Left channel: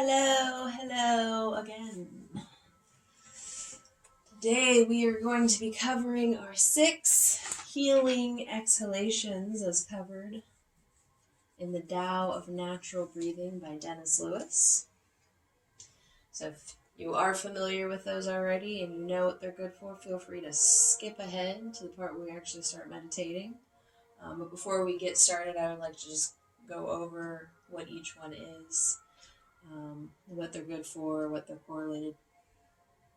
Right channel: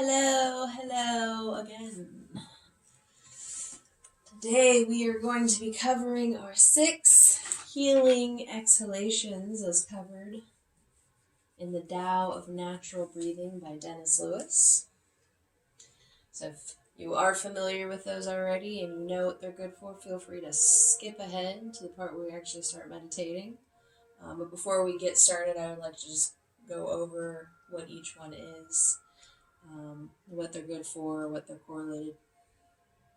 Hello again. Today we are going to be covering our 6 healing exhalations as covered in the Tao of Natural Breathing by Dennis Lewis. So if you are familiar with those already and you know what they're good for, feel free to skip ahead to the part where we actually start meditating. But before we get started, I would like to just go over what each one is. What they're good for, what they're correlated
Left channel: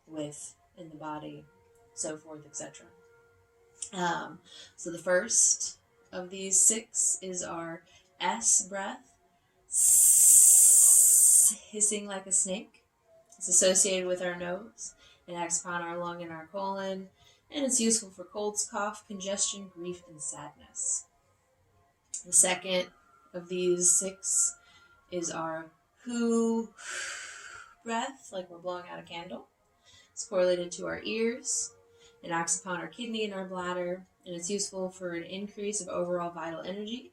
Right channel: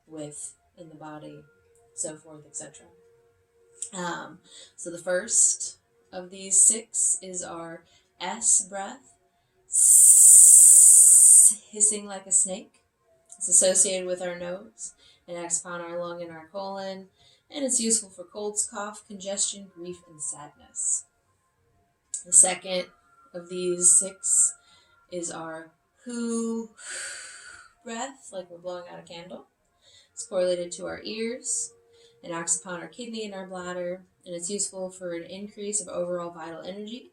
with in the body, so forth, etc. So the first of these 6 is our S breath, hissing like a snake. It's associated with our nose and acts upon our lung and our colon, and it's useful for colds, cough, congestion, grief, and sadness. The second of these 6 is our whoo breath, like we're blowing out a candle. It's correlated to our ears. It acts upon our kidney and our bladder, and it's useful for an increase of overall vital energy,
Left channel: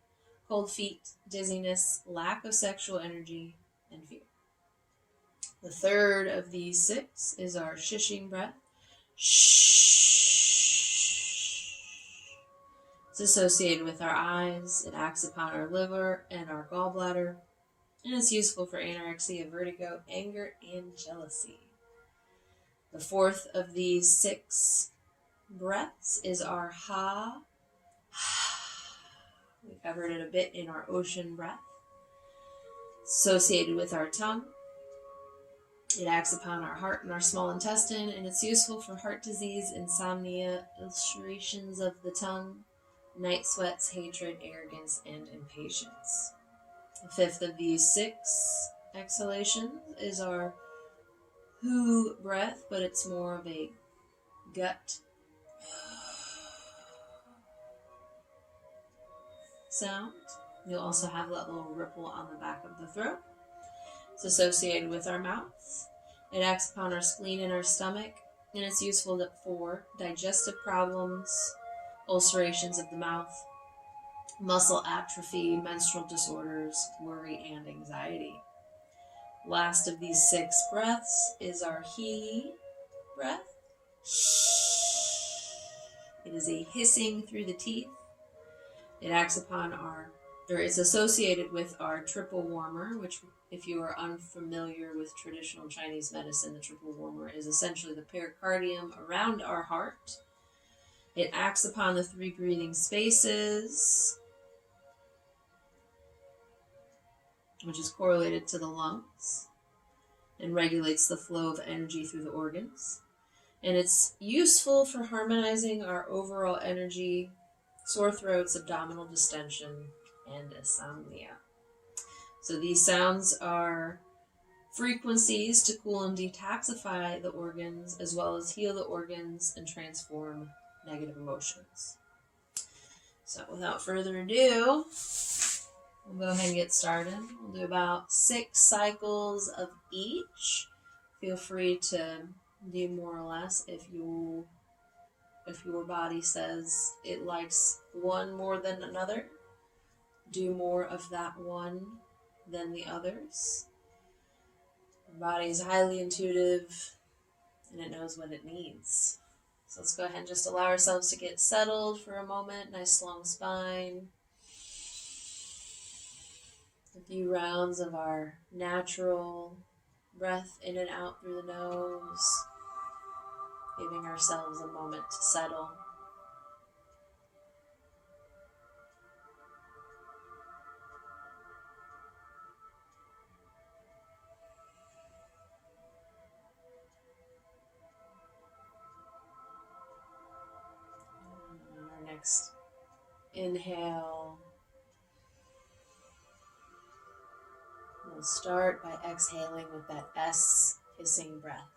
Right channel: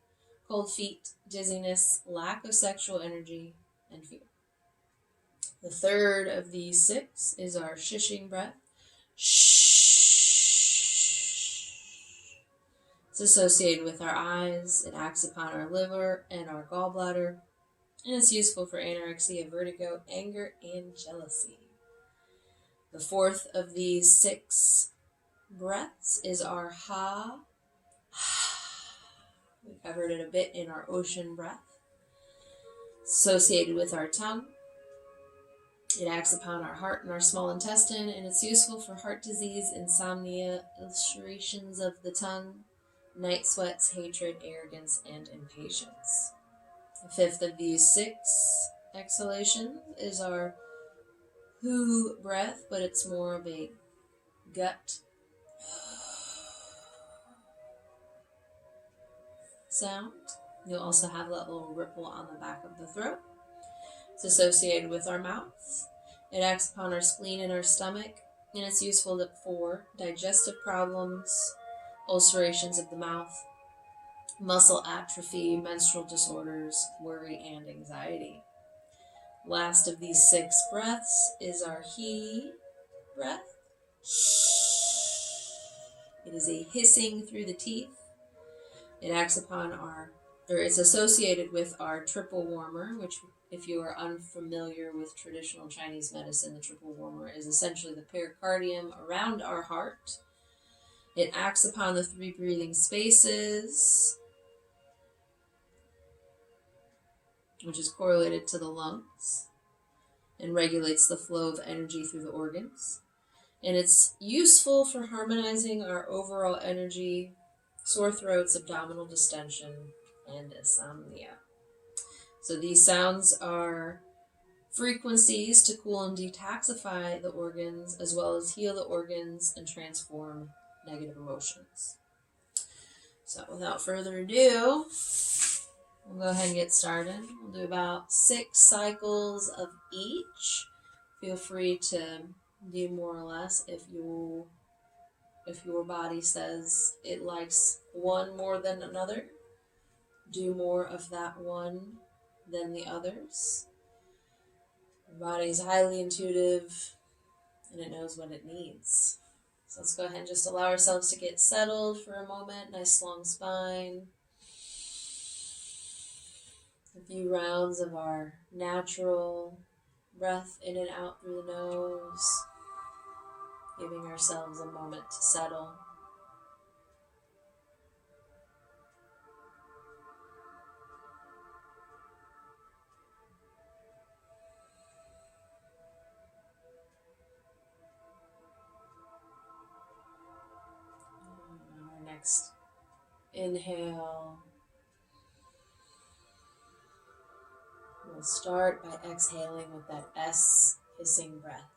cold feet, dizziness, lack of sexual energy, and fear. The third of these 6 is our shhhhing breath. Shh. It's associated with our eyes. It acts upon our liver and our gallbladder, and it's useful for anorexia, vertigo, anger, and jealousy. The fourth of these 6 breaths is our haaaaa. We covered it a bit in our ocean breath. Associated with our tongue. It acts upon our heart and our small intestine, and it's useful for heart disease, insomnia, ulcerations of the tongue, night sweats, hatred, arrogance, and impatience. The fifth of these 6 exhalations is our whoo breath, but it's more of a gut sound. You'll also have that little ripple on the back of the throat. It's associated with our mouths. It acts upon our spleen and our stomach, and it's useful for digestive problems, ulcerations of the mouth, muscle atrophy, menstrual disorders, worry, and anxiety. Last of these 6 breaths is our heeee breath. It is a hissing through the teeth. It acts upon it's associated with our triple warmer, which, if you are unfamiliar with traditional Chinese medicine, the triple warmer is essentially the pericardium around our heart. It acts upon the 3 breathing spaces, which is correlated to the lungs, and regulates the flow of energy through the organs. And it's useful for harmonizing our overall energy, sore throats, abdominal distension, and insomnia. So these sounds are frequencies to cool and detoxify the organs, as well as heal the organs and transform negative emotions. So without further ado, we'll go ahead and get started. We'll do about 6 cycles of each. Feel free to do more or less if your body says it likes one more than another. Do more of that one than the others. Your body is highly intuitive and it knows what it needs. So let's go ahead and just allow ourselves to get settled for a moment. Nice long spine. A few rounds of our natural breath in and out through the nose. Giving ourselves a moment to settle. And our next inhale. We'll start by exhaling with that S hissing breath.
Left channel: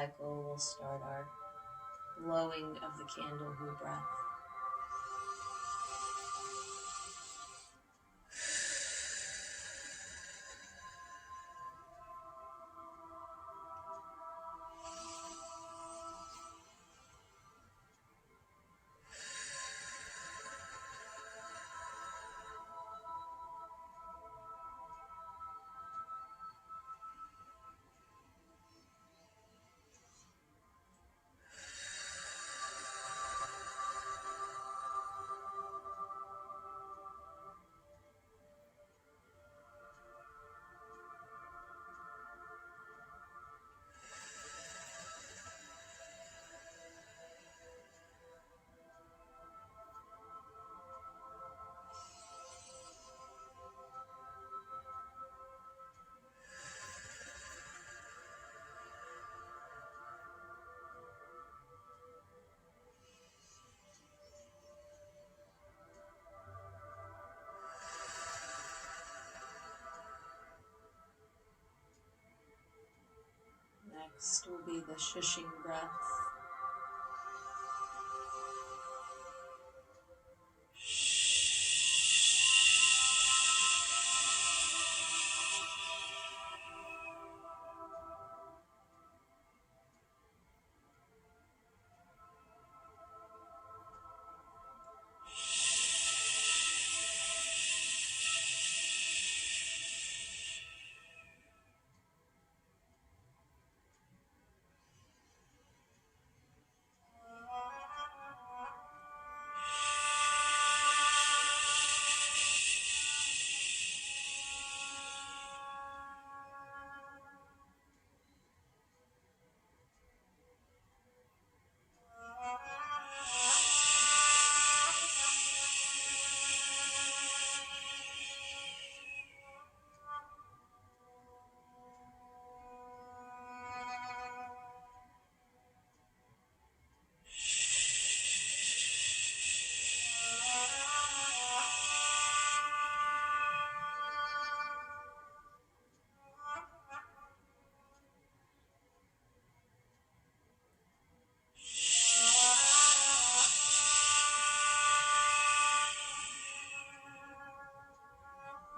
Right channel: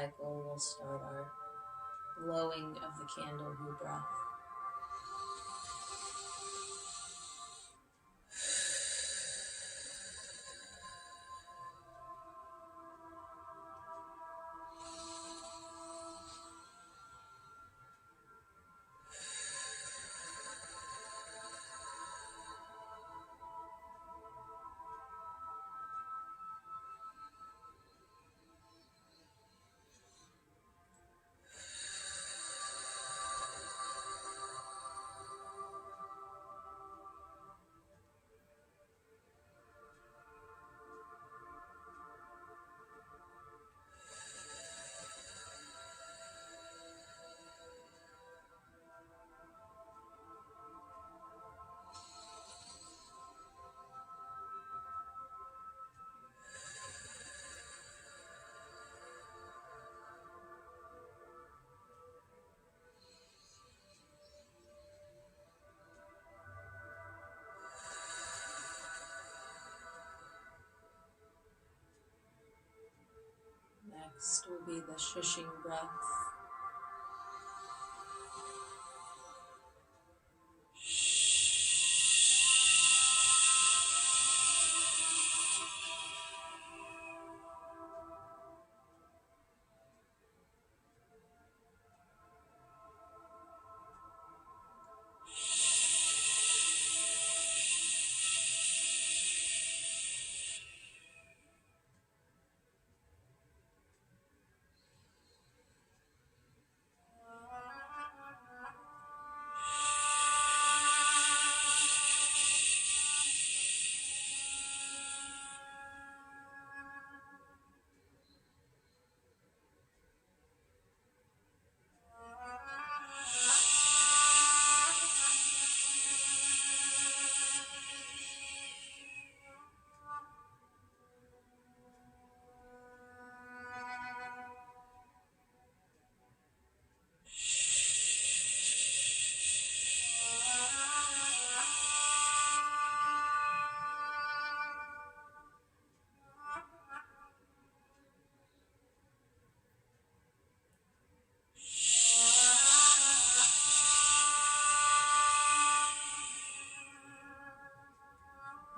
cycle, we'll start our blowing of the candle whoo breath. Next will be the shhhhing breath.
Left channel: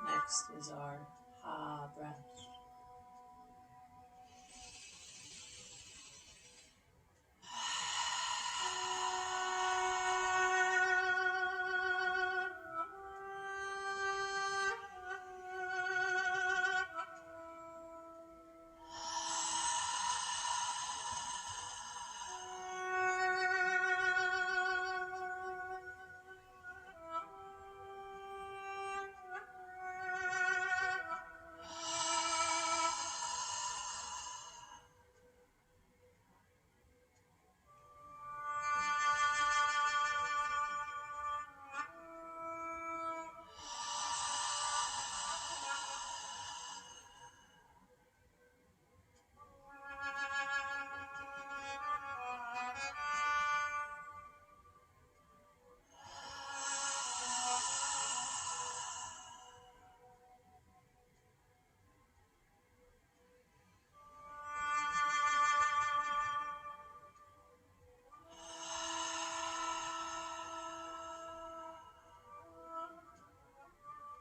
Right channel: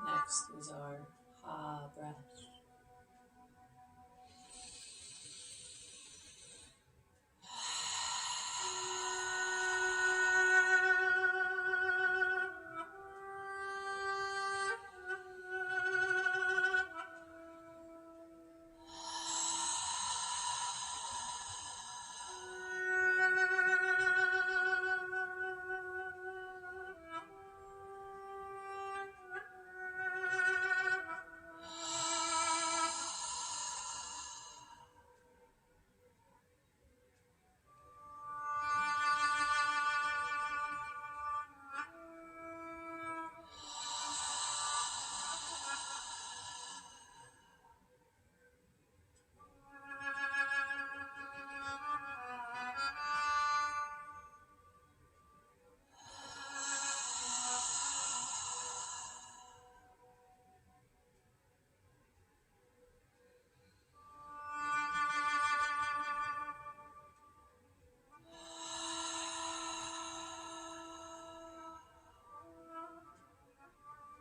Next is our haaaaa breath.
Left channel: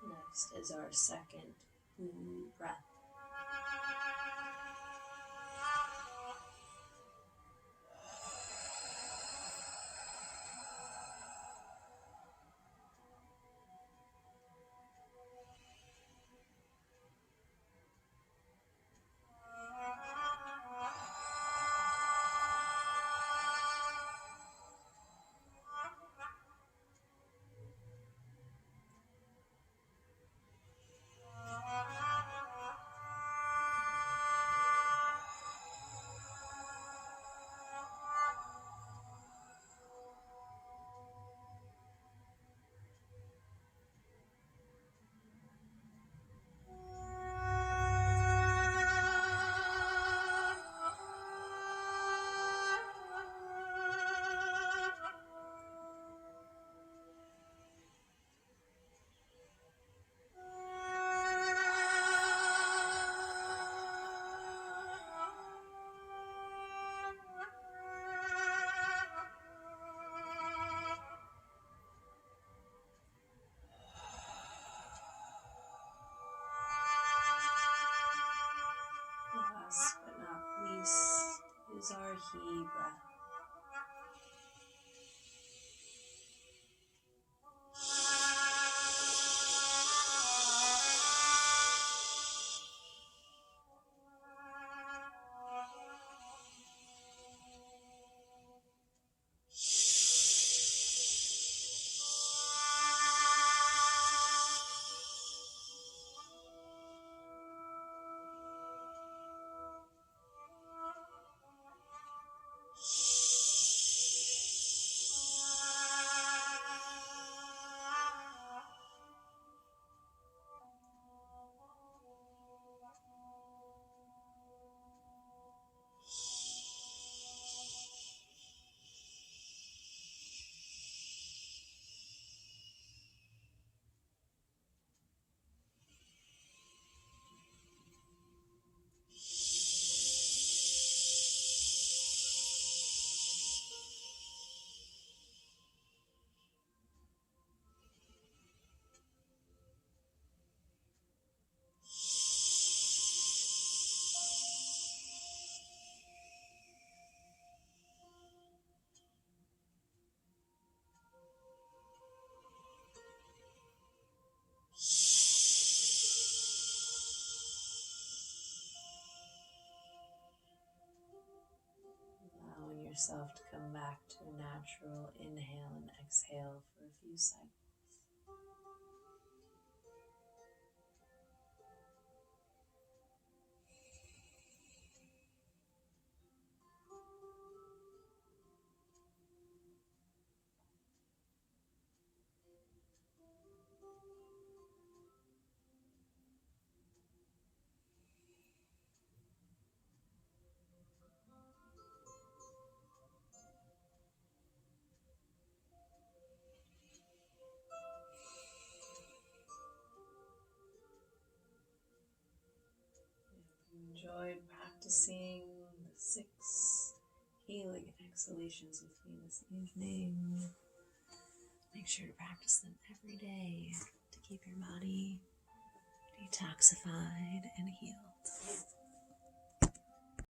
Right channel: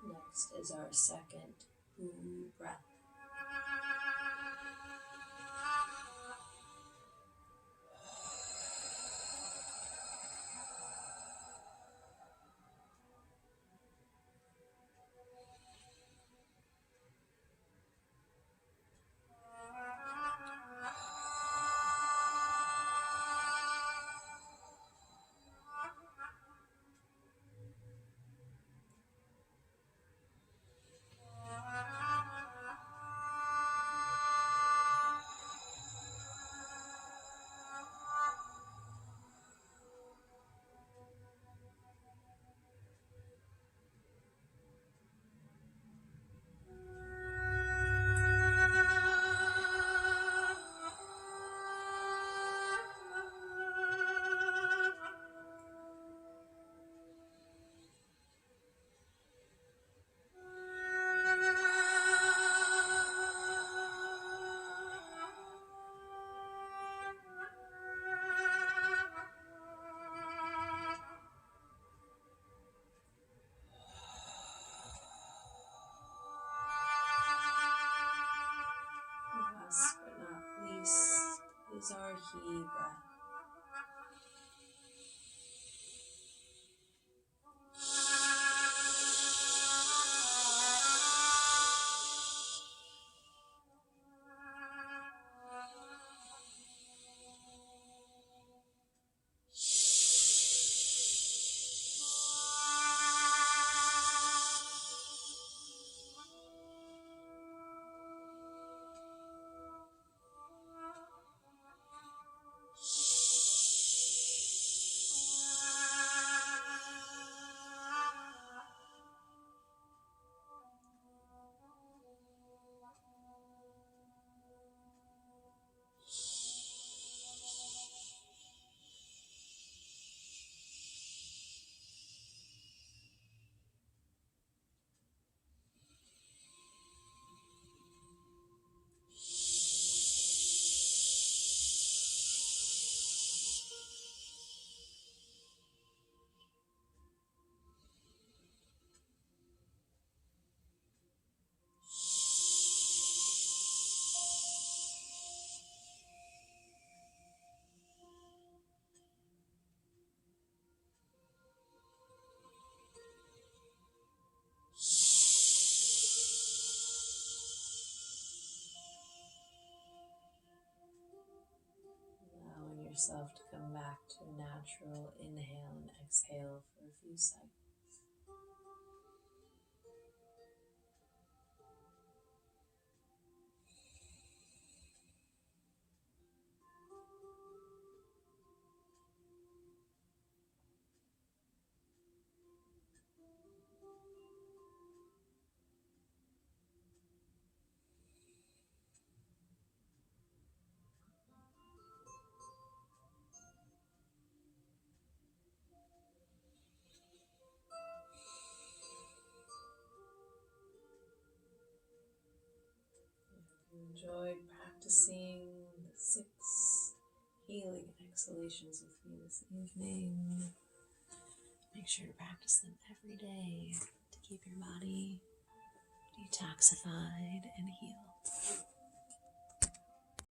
Next is our second whoo breath. more heeee breath. Allowing yourself to come back to a natural inhale and exhale for a few seconds. If you enjoyed practicing the 6 healing exhalations with me this evening, make sure to practice them every day to keep your body detoxified and healed.